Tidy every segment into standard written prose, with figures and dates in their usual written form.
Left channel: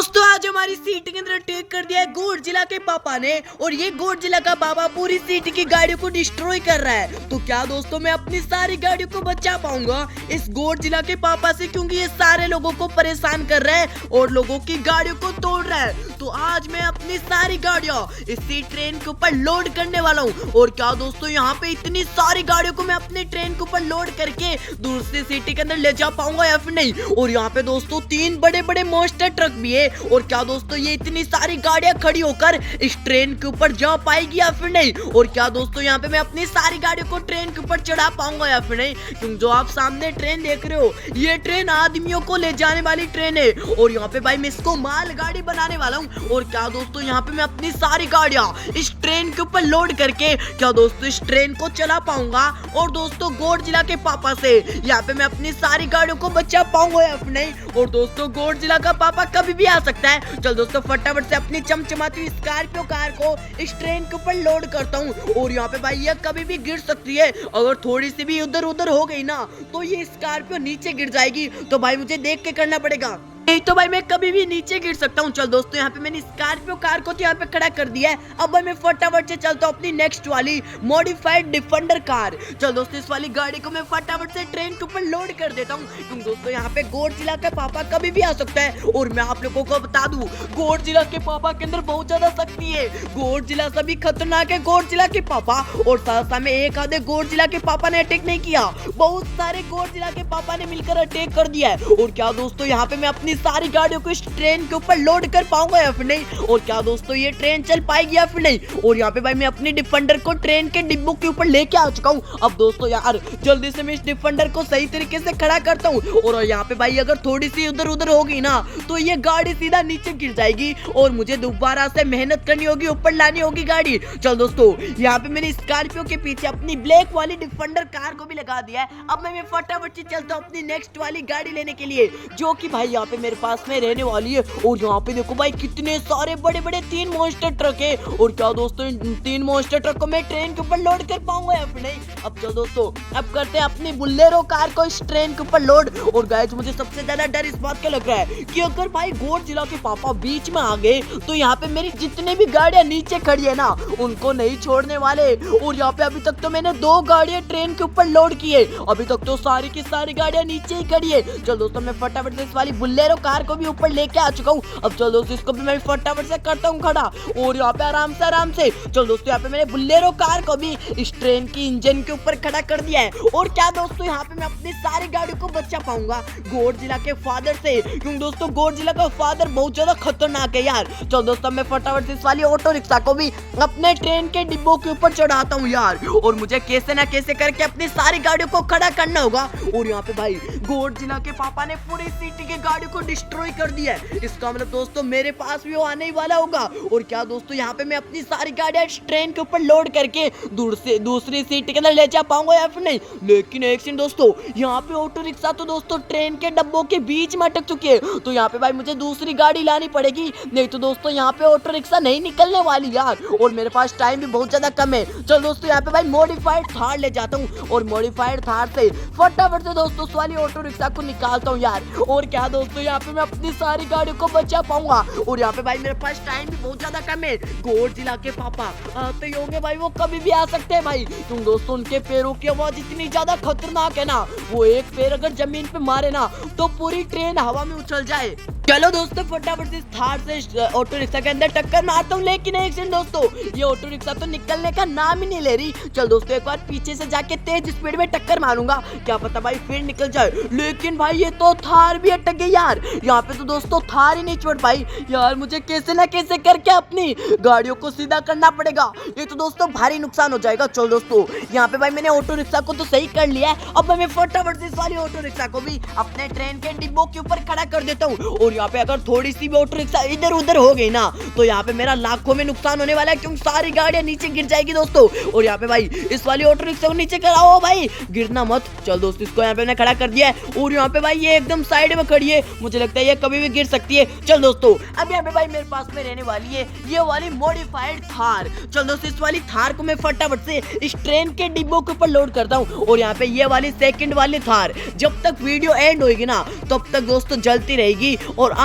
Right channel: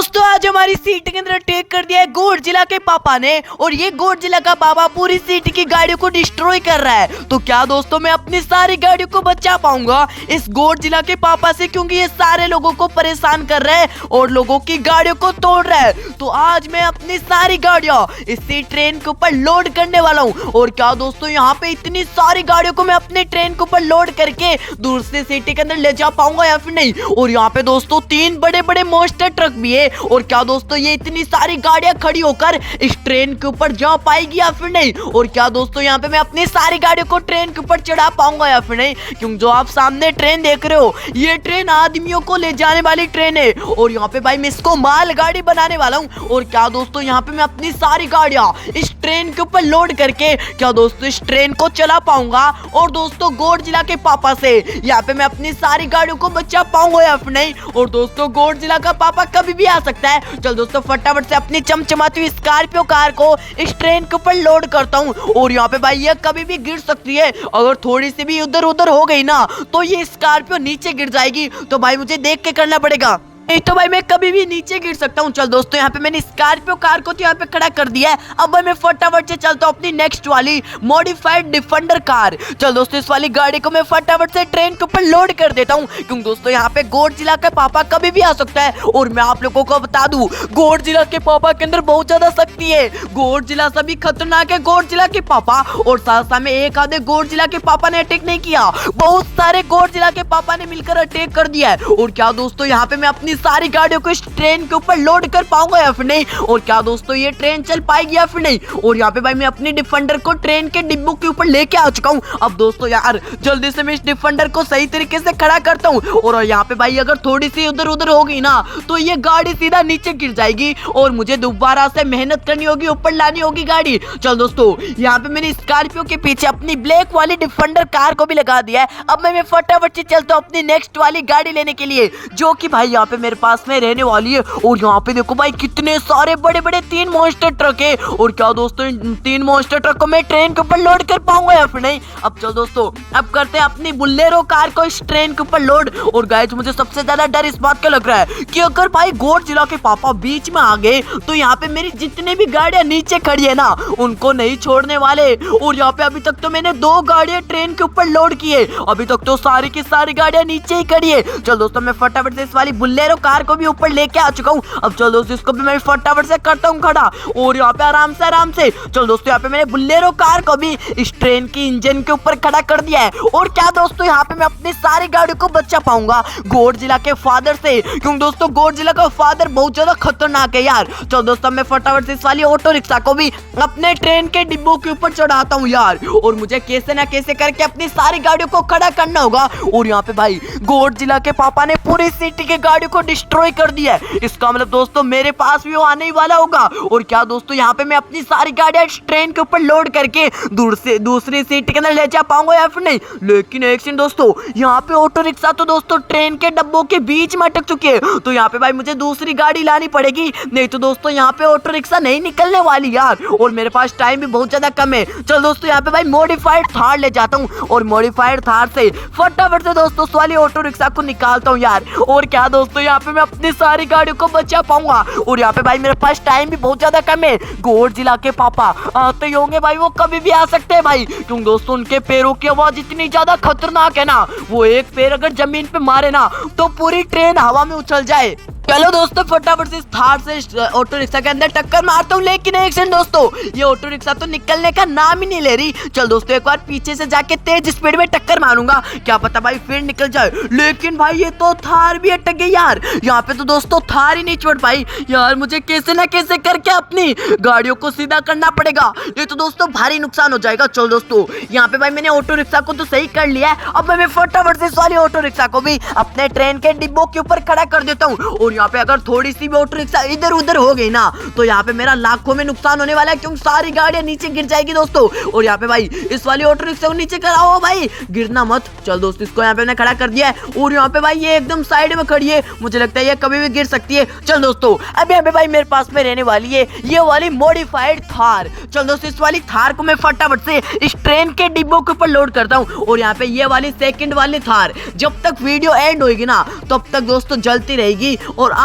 दोस्तों आज हमारी सिटी के अंदर अटैक कर दिया है गॉडजिला के पापा ने, और ये गॉडजिला का पापा पूरी सिटी की गाड़ियों को डिस्ट्रॉय कर रहा है। तो क्या दोस्तों मैं अपनी सारी गाड़ियों को बचा पाऊंगा इस गॉडजिला के पापा से, क्योंकि ये सारे लोगों को परेशान कर रहा है और लोगों की गाड़ियों को तोड़ रहा है। तो आज मैं अपनी सारी गाड़ियां इसी ट्रेन के ऊपर लोड करने वाला हूँ। और क्या दोस्तों यहाँ पे इतनी सारी गाड़ियों को मैं अपने ट्रेन के ऊपर लोड करके दूसरी सिटी के अंदर ले जा पाऊंगा या फिर नहीं। और यहाँ पे दोस्तों 3 बड़े बड़े मॉन्स्टर ट्रक भी है। और क्या दोस्तों ये इतनी सारी गाड़ियां खड़ी होकर इस ट्रेन के ऊपर जा पाएगी या फिर नहीं। और क्या दोस्तों यहाँ पे मैं अपनी सारी गाड़ियों को ट्रेन के ऊपर चढ़ा पाऊंगा या फिर नहीं, क्योंकि जो आप सामने ट्रेन देख रहे हो ये ट्रेन आदमियों को ले जाने वाली ट्रेन है। और यहाँ पे भाई मैं इसको माल गाड़ी बनाने वाला हूँ। और क्या दोस्तों यहाँ पे मैं अपनी सारी गाड़ियां इस ट्रेन के ऊपर लोड करके क्या दोस्तों इस ट्रेन को चला पाऊंगा। और दोस्तों गॉडजिला के पापा से यहाँ पे मैं अपनी सारी गाड़ियों को बचा पाऊंगा या फिर नहीं। और दोस्तों गॉडजिला का पापा कभी भी आ सकता है। चल दोस्तों फटाफट से अपनी चमचमाती हुई स्कॉर्पियो कार को इस ट्रेन के ऊपर लोड करता हूँ। और यहाँ पे भाई ये कभी भी गिर सकती है, अगर थोड़ी सी भी उधर उधर हो गई ना तो ये स्कॉर्पियो नीचे गिर जाएगी। तो भाई मुझे देख के करना पड़ेगा, नहीं तो भाई मैं कभी भी नीचे गिर सकता हूँ। चल दोस्तों यहाँ पे मैंने स्कॉर्पियो कार को तो यहाँ पे खड़ा कर दिया है। अब भाई मैं फटाफट से चलता हूँ अपनी नेक्स्ट वाली मॉडिफाइड डिफेंडर कार। चल दोस्तों इस वाली गाड़ी को मैं फटाफट से ट्रेन के ऊपर लोड कर देता हूँ, क्योंकि दोस्तों यहाँ पे गॉडजिला का पापा कभी भी आ सकता है। और मैं आप लोगों को बता दूं गॉडजिला के पापा के अंदर बहुत ज्यादा शक्ति है। गॉडजिला सभी खतरनाक है गॉडजिला के पापा। और साथ में एक आधे गॉडजिला के पापा ने अटैक नहीं किया, बहुत सारे गॉडजिला के पापा ने मिलकर अटैक कर दिया है। और क्या दोस्तों यहाँ पे मैं अपनी सारी गाड़ियों को इस ट्रेन के ऊपर लोड कर पाऊंगा या फिर नहीं। और क्या दोस्तों ये ट्रेन चल पाएगी या फिर नहीं। और यहाँ पे भाई मैं अपनी डिफेंडर को ट्रेन के डिब्बों के ऊपर लेके आ चुका हूँ। अब दोस्तों यार जल्दी से मैं इस डिफेंडर को सही तरीके से खड़ा करता हूँ। और यहाँ पे भाई अगर थोड़ी सी उधर उधर होगी ना तो ये गाड़ी सीधा नीचे गिर जाएगी और मुझे दोबारा से मेहनत करनी होगी, ऊपर लानी होगी गाड़ी। चल दोस्तों यहाँ पे मैंने स्कॉर्पियो के पीछे अपनी ब्लैक वाली डिफेंडर कार को भी लगा दिया है। अब मैं फटाफट से चलता हूँ अपनी नेक्स्ट वाली गाड़ी लेने के लिए, जो कि भाई यहाँ पे मेरे पास में रहने वाली है। और यहाँ पे देखो भाई कितने सारे बड़े बड़े 3 मॉन्स्टर ट्रक है। और क्या दोस्तों इन 3 मॉन्स्टर ट्रक को मैं ट्रेन के ऊपर लोड कर पाऊंगा या फिर नहीं। अब चलो दोस्तों अब करते हैं अपनी बुलेरो कार को इस ट्रेन के ऊपर लोड। और गाइस मुझे सबसे ज्यादा डर इस बात का लग रहा है कि अगर भाई गॉडजिला के पापा बीच में आ गए तो यहाँ पे मेरी जितनी भी गाड़ियां नीचे खड़ी है ना उनको नहीं छोड़ने वाले। और यहाँ पे अभी तक तो मैंने 2 गाड़ियां ट्रेन के ऊपर लोड की है, अभी तक तो सारी की सारी गाड़ियां नीचे ही खड़ी है। चलो दोस्तों मैं फटाफट से इस वाली बुलेरो कार को भी ऊपर लेके आ चुका हूँ। अब चलो दोस्तों इसको भी मैं फटाफट से करता हूँ खड़ा। और यहाँ पे आराम से चलो दोस्तों यहाँ पे मैंने बुलेरो कार को भी इस ट्रेन की इंजन के ऊपर खड़ा कर दिया है। और क्या दोस्तों यहाँ पे मैं अपनी सारी गाड़ियों को बचा पाऊंगा गॉडजिला के फादर से, क्योंकि दोस्तों गॉडजिला का फादर बहुत ज्यादा खतरनाक है यार। चलो दोस्तों मैं फटाफट से इस वाली ऑटो रिक्शा को भी अपने ट्रेन के डिब्बों के ऊपर चढ़ाता हूँ यार। और मुझे कैसे ना कैसे करके अपनी सारी गाड़ियों को खड़ा करना होगा। और यहाँ पे भाई गॉडजिला के पापा ने पूरी सिटी की गाड़ियों को डिस्ट्रॉय कर दिया है, इसका मतलब दोस्तों मेरे पास भी वो आने ही वाला होगा। और क्या दोस्तों यहाँ पे मैं अपनी सारी गाड़ियां ट्रेन के ऊपर लोड करके दूसरी सीट के अंदर ले जा पाऊंगा या फिर नहीं। लेकिन एक सेकंड दोस्तों यहाँ पे ऑटो रिक्शा तो दोस्तों ट्रेन के डब्बों के बीच में अटक चुके हैं, तो यहाँ पे भाई मुझे दूसरी गाड़ी लानी पड़ेगी, नहीं तो दोस्तों यहाँ पे ऑटो रिक्शा नहीं निकलने वाली यार। और मेरे पास टाइम भी बहुत ज्यादा कम है। चलो दोस्तों यहाँ पे भाई मॉडिफाइड थार ले जाता हूँ और मॉडिफाइड थार से फटाफट से दोस्तों उस वाली ऑटो रिक्शा को निकालता हूँ यार। और क्या दोस्तों यहाँ पे मैं अपनी सारी गाड़ियों को बचा पाऊंगा। और यहाँ पे भाई मेरे पास टाइम भी बहुत ज्यादा कम है। गॉडजिला के पापा आते ही होंगे भाई, वो कभी भी आ सकते हैं भाई, क्योंकि दोस्तों उनके पैरों की आवाज इतनी ज्यादा खतरनाक है ना, वो एक पैर अगर जमीन पे मारे ना तो पूरी ट्रेन हवा में उछल जाए। चलो दोस्तों फटाफट से थार से ऑटो रिक्शा के अंदर टक्कर मारता हूँ। लेकिन एक सेकंड दोस्तों ये ऑटो रिक्शा तो निकलने का नाम ही नहीं ले रही। चल दोस्तों एक बार पीछे से जाके तेज स्पीड में टक्कर मारूंगा, क्या पता भाई फिर निकल जाए। लेकिन भाई ये तो थार भी अटक गई यार, यहाँ पे तो दोस्तों थार ही नहीं छोड़ पाई यार। मुझे कैसे ना कैसे करके अपनी गाड़ियों को सीधा करना पड़ेगा, ये तो दोस्तों भारी नुकसान हो जाएगा। चलो दोस्तों यहाँ पे भाई मैंने ऑटो रिक्शा को तो सही कर लिया है। अब मैं फटाफट से सारी ऑटो रिक्शा को भी अपने ट्रेन के डिब्बों के ऊपर खड़ा कर देता हूँ। और यहाँ पे अगर थोड़ी सी भी ऑटो रिक्शा इधर उधर हो गई ना तो यहाँ पे मेरा लाखों में नुकसान होने वाला है, क्योंकि सारी गाड़ियां नीचे गिर जाएगी दोस्तों। और यहाँ पे भाई इस वाली ऑटो रिक्शा को नीचे कराओ भाई, गिरना मत। चल दोस्तों इसको यहाँ पे मैंने खड़ा कर दिया है। और यहाँ पे भाई ये एकदम साइड में खड़ी है, मुझे लगता है ये कभी भी गिर सकती है। चल दोस्तों अब यहाँ पे भाई मेरे पास में रहने वाली है ये वाली मॉडिफाइड थार। चल दोस्तों इस वाली थार को मैं फटाफट से इस ट्रेन के डिब्बों के ऊपर लोड करता हूँ। और यहाँ पे ये वाली सेकंड वाली थार जब तक वीडियो एंड होगी ना तब तक दोस्तों जलती रहेगी। और और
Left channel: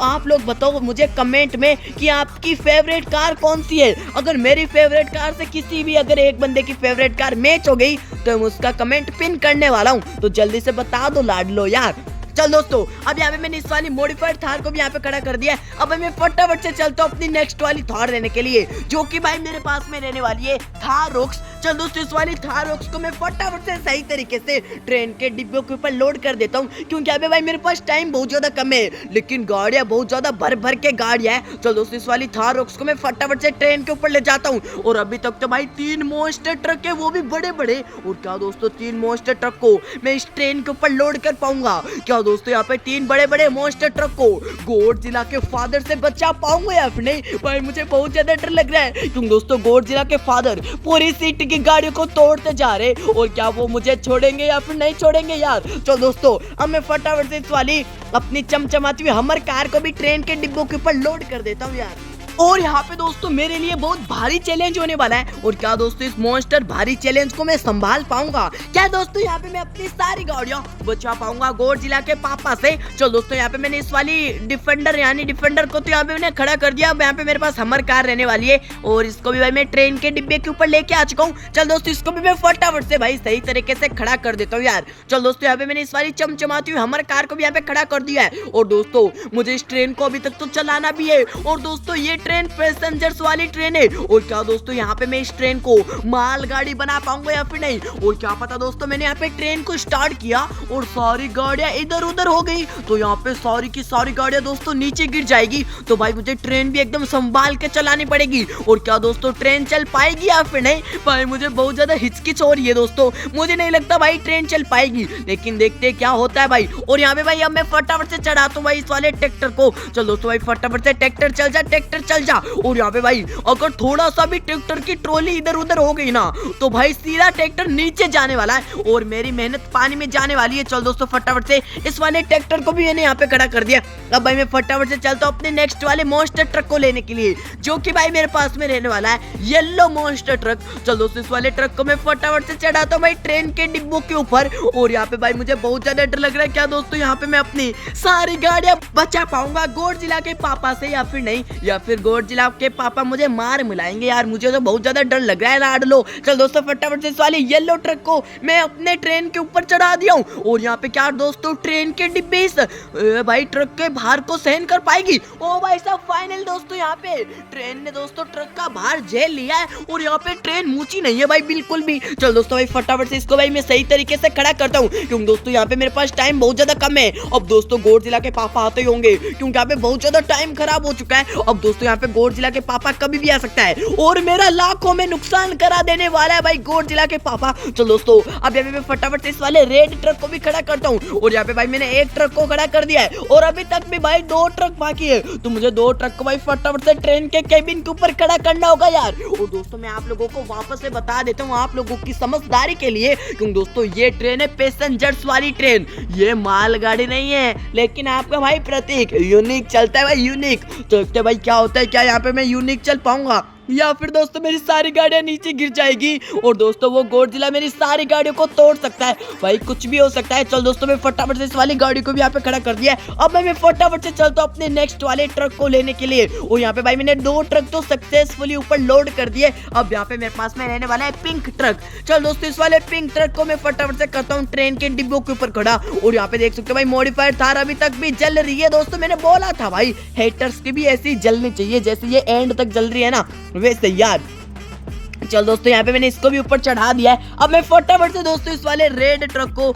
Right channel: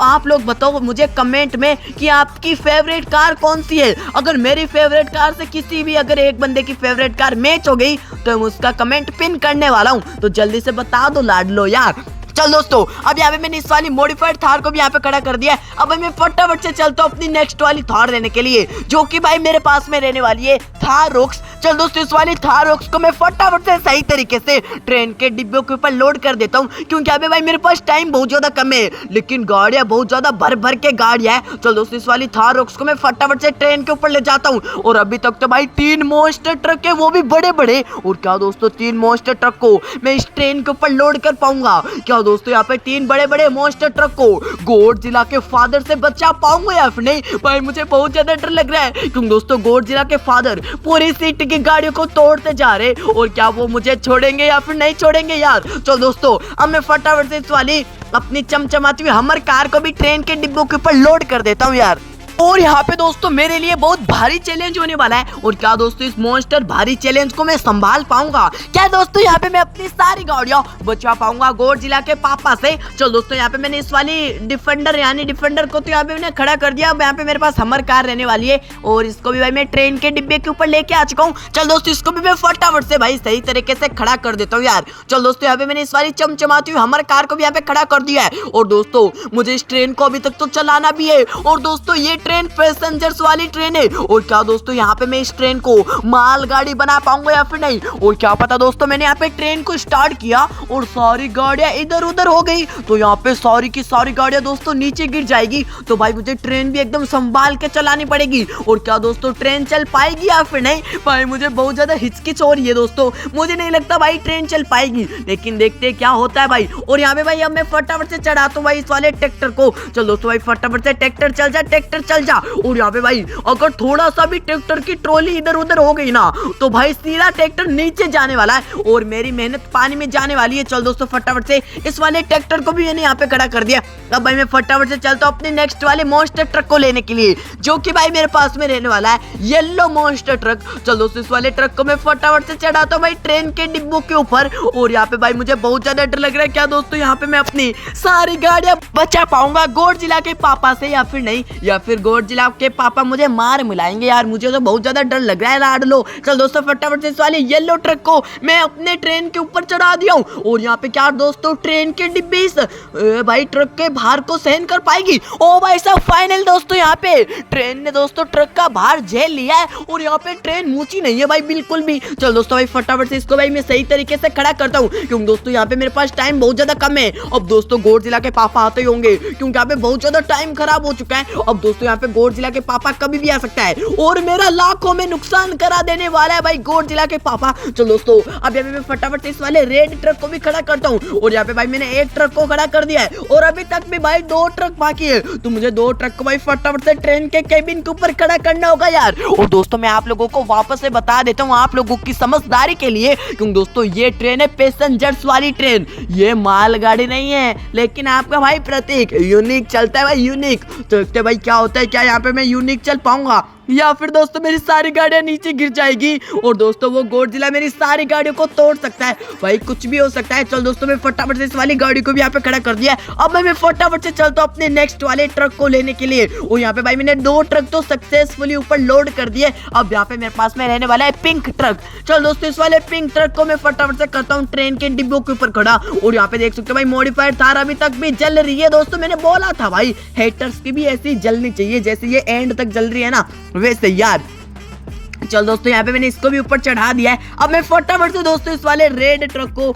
आप लोग बताओ मुझे कमेंट में कि आपकी फेवरेट कार कौन सी है। अगर मेरी फेवरेट कार से किसी भी अगर एक बंदे की फेवरेट कार मैच हो गई तो मैं उसका कमेंट पिन करने वाला हूँ, तो जल्दी से बता दो लाडलो यार। चल दोस्तों, अब यहाँ पे मैंने इस वाली मॉडिफाइड थार को भी यहाँ पे खड़ा कर दिया। अब मैं फटाफट से चलता हूँ अपनी नेक्स्ट वाली थार लेने के लिए, जो कि भाई मेरे पास में रहने वाली है थार रॉक्स। चल दोस्तों, इस वाली थार रॉक्स को मैं फटाफट से सही तरीके से ट्रेन के डिब्बे के ऊपर लोड कर देता हूँ, क्योंकि अभी भाई मेरे पास टाइम बहुत ज्यादा कम है, लेकिन गाड़ियाँ बहुत ज्यादा भर भर के गाड़ियाँ है। चल दोस्तों, इस वाली थार रॉक्स को मैं फटाफट से ट्रेन के ऊपर ले जाता हूँ। और अभी तक तो भाई 3 मॉन्स्टर ट्रक है, वो भी बड़े बड़े। और क्या दोस्तों, 3 मॉन्स्टर ट्रक को मैं इस ट्रेन के ऊपर लोड कर पाऊंगा क्या दोस्तों? यहाँ पे 3 बड़े बड़े मॉन्स्टर ट्रक को गॉडजिला के फादर से बचा पाऊंगा या फिर नहीं? भाई मुझे बहुत ज्यादा डर लग रहा है, क्योंकि दोस्तों गॉडजिला के फादर पूरी सिटी की गाड़ियों को तोड़ते जा रहे, और क्या वो मुझे छोड़ेंगे या फिर नहीं छोड़ेंगे यार? चलो दोस्तों, अब मैं फटाफट से इस वाली अपनी चमचमाती हुई हमर कार को भी ट्रेन के डिब्बों के ऊपर लोड कर देता हूँ यार। और यहाँ पे दोस्तों मेरे लिए बहुत भारी चैलेंज होने वाला है, और क्या दोस्तों इस मॉन्स्टर भारी चैलेंज को मैं संभाल पाऊंगा क्या दोस्तों? यहाँ पे मैं अपनी सारी गाड़ियां बचा पाऊंगा गॉडजिला के पापा से। चलो दोस्तों, यहाँ पे मैंने इस वाली डिफेंडर को तो यहाँ पे मैंने खड़ा कर दिया। अब यहाँ पे मेरे पास हमर कार रहने वाली है, और इसको भी भाई मैं ट्रेन के डिब्बे के ऊपर लेके आ चुका हूँ। चल दोस्तों, इसको भी मैं फटाफट से भाई सही तरीके से खड़ा कर देता हूँ यार। चल दोस्तों, यहाँ पे मैंने इस वाली चमचमाती हुई हमर कार को भी यहाँ पे खड़ा कर दिया है। और दोस्तों मुझे इस ट्रेन को अभी तक तो चलाना भी है, और दोस्तों ये ट्रेन पैसेंजर्स वाली ट्रेन है। और क्या दोस्तों, यहाँ पे मैं इस ट्रेन को मालगाड़ी बना पाऊंगा या फिर नहीं? और क्या पता दोस्तों, मैंने यहाँ पे ट्रेन को स्टार्ट किया और सारी गाड़ियां इधर उधर हो गई, तो यहाँ पे सारी की सारी गाड़ियां दोस्तों नीचे गिर जाएगी। तो भाई मुझे ट्रेन भी एकदम संभाल के चलानी पड़ेगी। और क्या दोस्तों, ट्रेन चल पाएगी या फिर नहीं? भाई मुझे बहुत ज्यादा हिचकिच हो रही है दोस्तों, मुझे नहीं लगता भाई ट्रेन चल पाएगी, लेकिन देखते क्या होता है भाई। और यहाँ पे भाई अब मैं फटाफट से चढ़ाता हूँ भाई इस वाले ट्रैक्टर को। चलो दोस्तों भाई फटाफट से ट्रैक्टर चल जा। और यहाँ पे भाई अगर थोड़ा सा भी ट्रैक्टर की ट्रॉली इधर उधर हो गई ना, तो भाई सीधा ट्रैक्टर नीचे जाने वाला है और मेरी मेहनत पानी में जाने वाली है। चल दोस्तों, फटाफट से इस वाले ट्रैक्टर को भी मैंने यहाँ पे खड़ा कर दिया। अब भाई मैं फटाफट से चलता हूँ अपने नेक्स्ट वाले मॉन्स्टर ट्रक को लेने के लिए, जो कि भाई मेरे पास में रहने वाला है येलो मॉन्स्टर ट्रक। चल दोस्तों, इस वाले ट्रक को मैं फटाफट से चढ़ाता हूँ भाई ट्रेन के डिब्बों के ऊपर। और यहाँ पे भाई मुझे बहुत ज्यादा डर लग रहा है, क्या दोस्तों यहाँ पे मैं अपनी सारी गाड़ियां बचा पाऊंगा गॉडजिला के पापा से या फिर नहीं? या फिर गॉडजिला के पापा मुझे मार मिलाएंगे यार? मुझे तो बहुत ज्यादा डर लग रहा है लाडलो। चल दोस्तों, फटाफट से इस वाले येलो ट्रक को मैं अपने ट्रेन के ऊपर चढ़ा दिया हूँ। और यहाँ पे क्या दोस्तों, ट्रेन के डिब्बे इस भाई ट्रक के भार को सहन कर पाएगी? ओ भाई साहब, फाइनल दोस्तों यहाँ पे ट्रेन ने दोस्तों ट्रक का भार झेल लिया है, और यहाँ पे ट्रेन ऊंची नहीं है भाई बिल्कुल भी। चल दोस्तों भाई फटाफट से इसको भाई मैं सही तरीके से खड़ा करता हूँ, क्योंकि दोस्तों यहाँ पे मेरे पास टाइम बहुत ज्यादा कम है। अब दोस्तों गॉडजिला के पापा आते ही होंगे, क्योंकि यहाँ पे बहुत ज्यादा टाइम खराब हो चुका है। अब दोस्तों यहाँ पे गॉडजिला के पापा कभी भी आ सकता है, और मेरा लाखों में नुकसान करा देने वाला है भाई गॉडजिला के पापा। चलो दोस्तों, अब यहाँ पे मैं फटाफट से इस वाले रेड ट्रक को भी खड़ा करता हूँ। और यहाँ पे भाई मैंने एक ट्रक को खड़ा कर दिया है, और अभी तक भी भाई 2 ट्रक बाकी है, तो मुझे 2 ट्रक को भाई फटाफट से ट्रेन के केबिन के ऊपर खड़ा करना होगा यार। और दोस्तों मैं आप लोगों को वापस से बता देता हूँ आप लोगों की समझदारी के लिए, क्योंकि दोस्तों ये ट्रेन है पैसेंजर्स वाली ट्रेन, ये मालगाड़ी नहीं है। लेकिन आपका भाई प्रतीक यूनिक चलता है भाई, यूनिक। तो देखते हैं भाई क्या होता है, क्या यहाँ पे मैं यूनिक चल पाऊंगा या फिर दोस्तों मेरी सारी गाड़ियां नीचे गिर जाएगी। और दोस्तों वो गॉडजिला मेरी सारी गाड़ियों को तोड़ सकता है, भाई कुछ भी हो सकता है। चल दोस्तों, मैं फटाफट से इस वाली गाड़ी को भी यहाँ पे खड़ा कर दिया। अब मैं फटाफट से चलता हूँ अपने नेक्स्ट वाले ट्रक को लेने के लिए। और यहाँ पे भाई मैंने 2 ट्रक तो सक्सेसफुली ऊपर लोड कर दिए। अब यहाँ पे मेरे पास में रहने वाला है पिंक ट्रक। चल दोस्तों, इस वाले पिंक ट्रक को मैं फटाफट से करता हूँ ट्रेन के डिब्बों के ऊपर खड़ा। और यहाँ पे देख सकते हो भाई मॉडिफाइड थार अभी तक भी जल रही है। दोस्तों मैंने बोला था भाई हेटर्स की भी ऐसी जलनी चाहिए, जैसे ये एंड तक जल रही है ना वैसे यार। चल दोस्तों, यहाँ पे मैंने इसको भी ऊपर चढ़ा दिया है। अब मैं फटाफट से दोस्तों इस वाले रेड ट्रक को,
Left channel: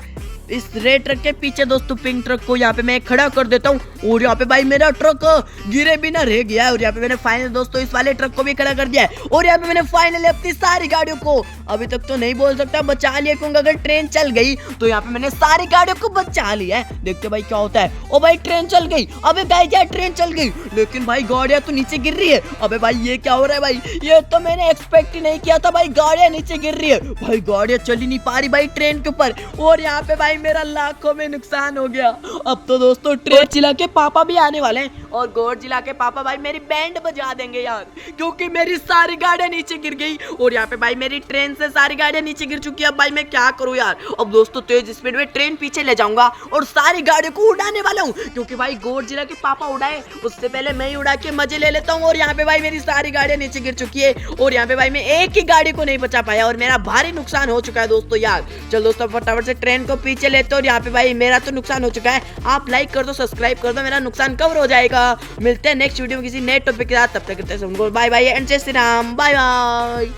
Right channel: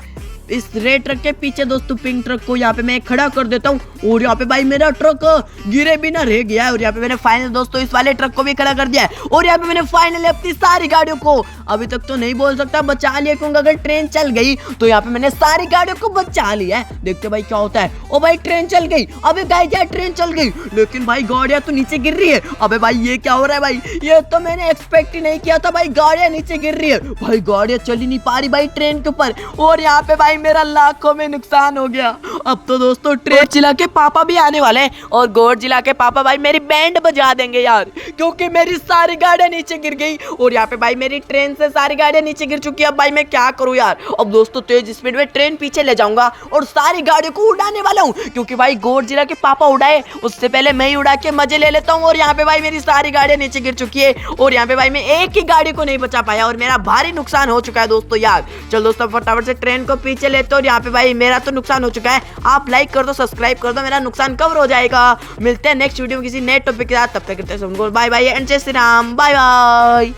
इस रेड ट्रक के पीछे दोस्तों पिंक ट्रक को यहाँ पे मैं खड़ा कर देता हूँ। और यहाँ पे भाई मेरा ट्रक गिरे बिना रह गया है। और यहाँ पे मैंने फाइनल दोस्तों इस वाले ट्रक को भी खड़ा कर दिया है। और यहाँ पे मैंने फाइनली अपनी सारी गाड़ियों को, अभी तक तो नहीं बोल सकता बचा लिया, क्योंकि अगर ट्रेन चल गई तो यहाँ पे मैंने सारी गाड़ियों को बचा लिया है। देखते भाई क्या होता है। ओ भाई ट्रेन चल गई, अबे गाय क्या ट्रेन चल गई, लेकिन भाई गाड़ियां तो नीचे गिर रही है। अबे भाई ये क्या हो रहा है भाई, ये तो मैंने एक्सपेक्ट ही नहीं किया था भाई, गाड़ियां नीचे गिर रही है भाई, गाड़ियां चल ही नहीं पा रही भाई ट्रेन के ऊपर। और यहाँ पे भाई भाई मेरा लाखों में नुकसान हो गया। अब तो दोस्तों ट्रेन जिला के पापा भी आने वाले हैं और गोड जिला के पापा भाई मेरी बैंड बजा देंगे यार, क्योंकि मेरी सारी गाड़ियां नीचे गिर गई और यहाँ पे भाई मेरी ट्रेन से सारी गाड़ियां नीचे गिर चुकी है। अब भाई मैं क्या करूँ यार। अब दोस्तों तेज स्पीड में ट्रेन पीछे ले जाऊंगा और सारी गाड़ियों को उड़ाने वाला हूँ, क्योंकि भाई गोड जिला के पापा उड़ाए उससे पहले मैं ही उड़ा के मजे ले लेता हूँ। और यहाँ पे भाई मेरी सारी गाड़ियां नीचे गिर चुकी है और यहाँ पे भाई मैं एक ही गाड़ी को नहीं बचा पाया और मेरा भारी नुकसान हो चुका है दोस्तों यार। चलो दोस्तों फटाफट से ट्रेन को पीछे लेते और यहाँ पे भाई मेरा तो नुकसान हो चुका है। आप लाइक कर दो, सब्सक्राइब कर दो, मेरा नुकसान कवर हो जाएगा। मिलते हैं नेक्स्ट वीडियो में किसी नए टॉपिक के साथ, तब तक करते हैं बाय बाय एंड जय श्री राम, बाय बाय।